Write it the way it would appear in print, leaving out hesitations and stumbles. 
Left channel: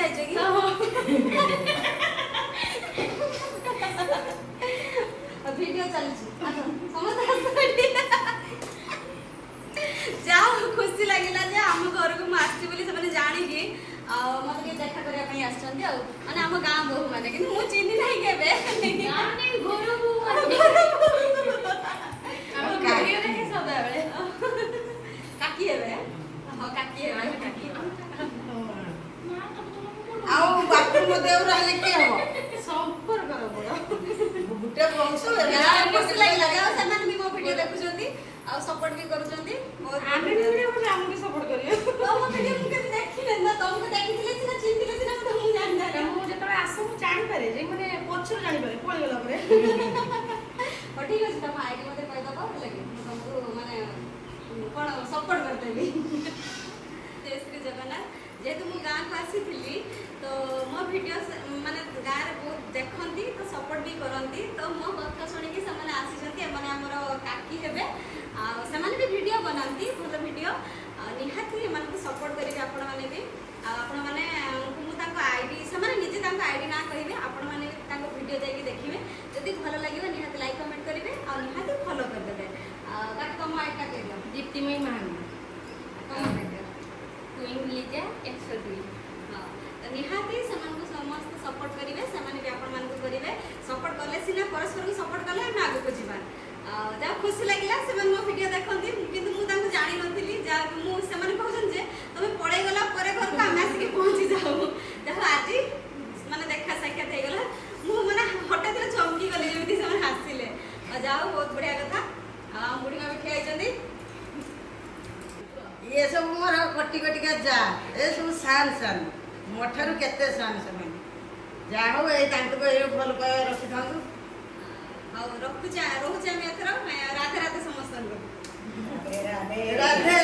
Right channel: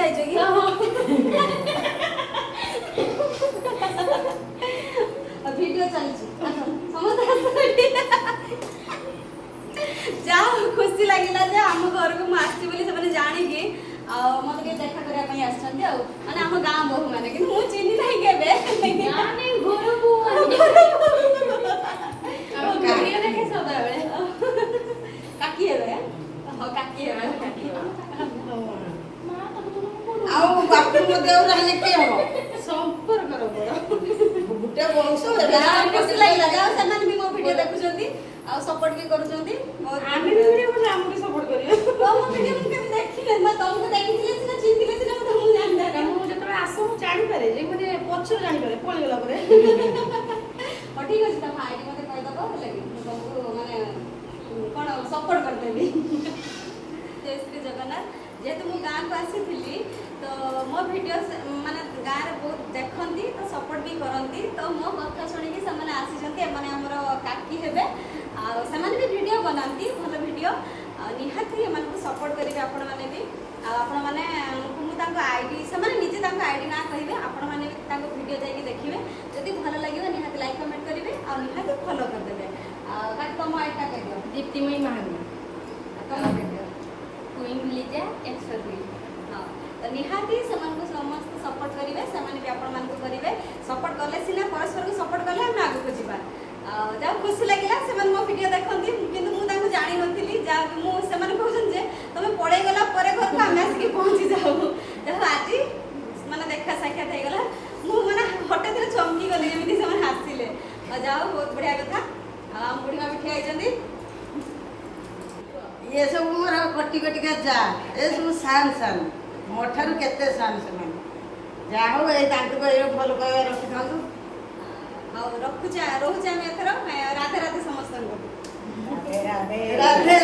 ଖାଇଛ କି? ଭିଡିଓ ଚାଲିଛି ସମସ୍ତେ ଯାହା ଖୁସି ଲାଗିଲା ଯେ ଆମ ଘରକୁ ମୁଁ ଆସିଛି ବୋଲି ସେମାନେ ଜାଣିକି ଆଉ ମତେ ଟିକେ ଦେଖା କରିବା ପାଇଁ ଆସିଛନ୍ତି ଆଉ ମାନେ ଆମ ଗାଁ ବୋହୂ ମାନେ କିନ୍ତୁ ମୁଁ ଚିହ୍ନି ନାହିଁ କେବେ କାକି ହେବେ କାକି ହେବେ ଆଉ ବାପୁ ମୋ ଦେଉର ହେଲେ କିଏ ହବ? ସମ୍ପର୍କର ବଡ ଗୋଟେ ବଂଶ ଖୁସି ଲାଗିଲା ଯାହା ସେମାନେ ବି ମୋ ଭିଡିଓ ଦେଖୁଛନ୍ତି ଆଉ ସପୋର୍ଟ ବି କରୁଛନ୍ତି ଆମେ ବି ଭିଡିଓ କଲେ ଆମକୁ ସପୋର୍ଟ କରିବେ। ତମ ଭିଡିଓ ମୁଁ କେବେ ଦେଖିନି ନା ତମକୁ ଦେଖିଥିଲେ ସିନା ଚିହ୍ନିଥିଲେ ସିନା ମୁଁ ତମକୁ ଜାଣିଥାନ୍ତି। ମୁଁ ଯେତେବେଳେ ଆସ ମୁଁ ଜାଣିପାରେ ଯେ ମାନେ ପଛରୁ ଜାଣିପାରେ ପଳେଇଗଲା ପରେ। ହଉ ଠିକ ଅଛି ତମ ଆଇଡି ମତେ କହିଦବ ହେଲା କି ମୁଁ ତମକୁ ମାନେ କଣ ସପୋର୍ଟ କରିଦେବି। ଜୟ ଶ୍ରୀ ଜଗନ୍ନାଥ। ଯେହେତୁ ମୁଁ ଗାଁକୁ ଆସିଥିଲି ତ ମୋ ଭିଡିଓ ମାନେ ଗାଁରେ ବହୁତ ଦେଖନ୍ତି ତ ସପୋର୍ଟ ବି କରନ୍ତି ତ ମୋ କଥା ଶୁଣିକି ସେମାନେ ଆସିଛନ୍ତି ଏମାନେ ଆମର କାକି ହେବେ ଆଉ ସେମାନେ ବି ଭିଡିଓ ବନାନ୍ତି ଭଲ ଭିଡିଓ ନିହାତି ଏମାନଙ୍କୁ ସପୋର୍ଟ କରିବେ ଆପଣମାନେ ବି ଆଉ ଆପଣମାନେ ମୁଁ ତାଙ୍କ ଆଇଡି ସେମାନେ ନିଜେ ତାଙ୍କ ଆଇଡି ନାଁ କହିବେ ଆପଣମାନେ ବି ତାଙ୍କ ଭିଡିଓ ଯାଇକି ଦେଖିବେ ଯଦି ଭଲ ଲାଗିବ ନିହାତି ଲାଇକ୍ କମେଣ୍ଟ କରିବେ ଆଉ ନିହାତି ଫଲୋ କରିଦେବେ ଆଉ କାଟି ତମ ଆଇଡିଟା କହିଦିଅ ଦୀପ୍ତିମୟୀ ମାହାନ୍ତି ତମ ଭିଡିଓ କୁଇନ୍ ଲିଜା 102 ହଁ ତ ନିହାତି ସେମାନଙ୍କୁ ସମସ୍ତେ ସପୋର୍ଟ କରିବେ ସେମାନେ ବି ଆପଣମାନଙ୍କୁ କରିବେ ସପୋର୍ଟ କଲେ ସିନା ପରସ୍ପରକୁ ସପୋର୍ଟ କଲେ ଆମେ ଆଗକୁ ଯିବା ଯାହା ଖୁସି ଲାଗିଲା ସେମାନେ ମୋ ଭିଡିଓ ଦେଖନ୍ତି କିନ୍ତୁ ମୁଁ ତାଙ୍କୁ ଜାଣିନଥିଲି ଯାହା ମୁଁ ସେମାନେ କହୁଛନ୍ତି ଯେ ତମେ ପଳେଇ ଗଲା ପରେ ଘରକୁ ଆମେ ଆସିକି ପହଞ୍ଚି ଯାଉ ଯାହା ଆଜି ମାନେ ଦେଖା ସାକ୍ଷାତ ହେଇଗଲା ମୁଁ ମାନେ ହଠାତ୍ ଚମକି ଗଲି ଯେମିତି ସେମାନେ ଆସିଲେ ଆଉ ଯାହା ହଉ ବହୁତ ବଢିଆ କଥା ବୁଢୀମା ବି ଠିଆ ହେଇଛନ୍ତି ଇଏ ସବୁ ମୋର କୋଟି କୋଟିକା ଯା ଏ ସବୁ ସାନ ସାନ ମୋ ଠାରୁ କେତେ ସାନ ସେମାନେ ଯାହା ହଉ ଏଇ ତାଙ୍କୁ ଏଇ ଭଲ ପାଇବା ରଖିଥାନ୍ତୁ ଆଉ ରହୁଛି ଆମେ ଏଥର ରାଧେ ରାଧେ ସମସ୍ତଙ୍କୁ ରାଧେ